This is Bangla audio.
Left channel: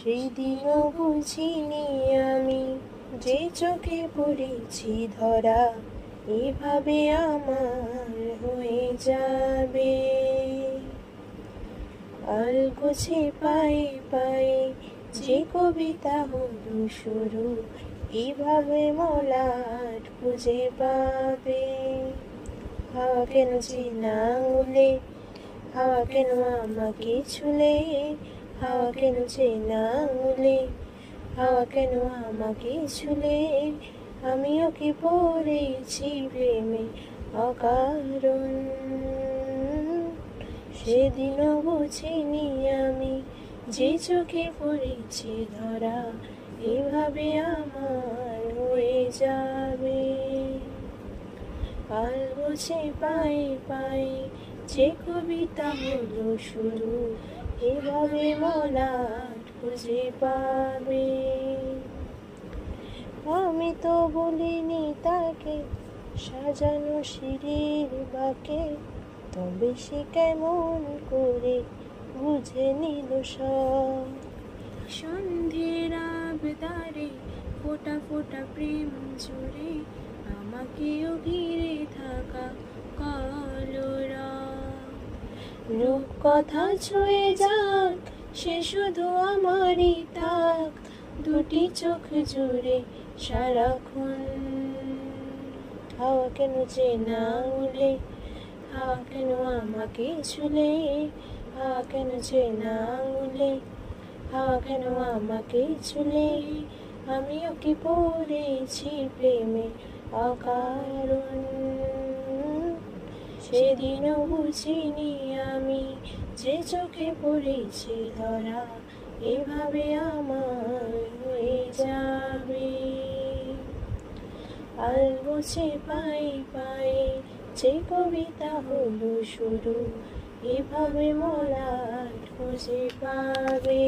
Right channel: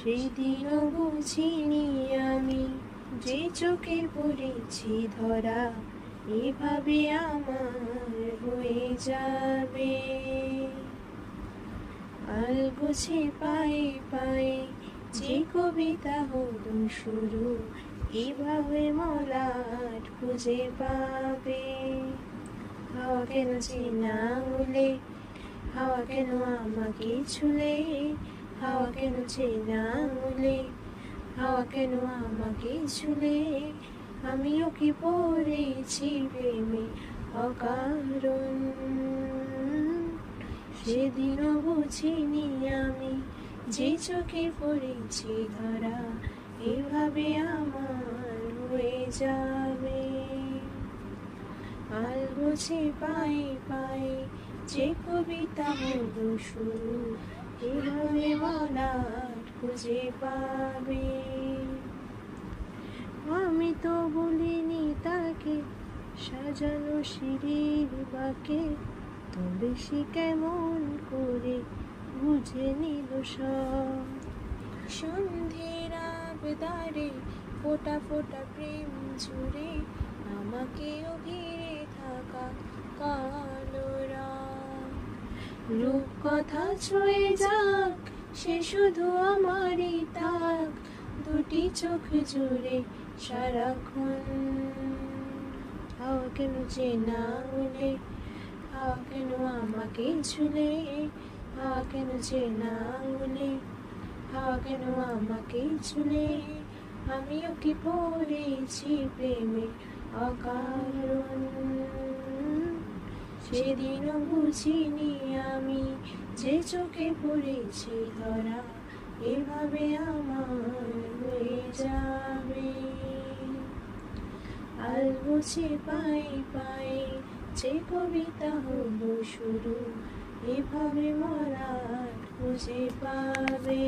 সেদিনও বুঝিনি আমি যে চোখে পড়েছি ধরা এভাবে আমার হয়ে যাবে। আলগোছে পায়ে পায়ে যে কবিতা হলো শুরু এভাবে মলাট খুঁজে পাবে। হাওয়া কেন চেনা উলে, হাওয়া কেন আমাকে ছুলে, হাওয়া কেন চেনা উলে, হাওয়া কেন আমাকে ছুলে, আমিও কি পড়েছি প্রেমে অকারণ। সেদিনও বুঝিনি আমি যে চোখে পড়েছি ধরা এভাবে আমার হয়ে যাবে। আলগোছে পায়ে পায়ে যে কবিতা হলো শুরু এভাবে মলাট খুঁজে পাবে। আমি তো বলিনি তাকে সাজানো সিঁড়ির বাঁকে, তবে সে কেমন করে বুঝে নিল সব। সন্ধ্যের আবদারে ফোটা ফোটা প্রেম জুড়ে আমাকেও ঘিরে থাকা কালো রাত। রূপ কথা ছুঁয়ে যাক সে শুধু আমারই থাক, দুটি চোখ জুড়ে সারাক্ষণ। হাওয়া কেন চেনা উলে, হাওয়া কেন আমাকে ছুলে, হাওয়া কেন চেনা উলে, হাওয়া কেন আমাকে ছুলে, আমিও কি পড়েছি প্রেমে অকারণ। সেদিনও বুঝিনি আমি যে চোখে পড়েছি ধরা এভাবে আমার হয়ে যাবে। আলগোছে পায়ে পায়ে যে কবিতা হলো শুরু এভাবে মলাট খুঁজে পাবে।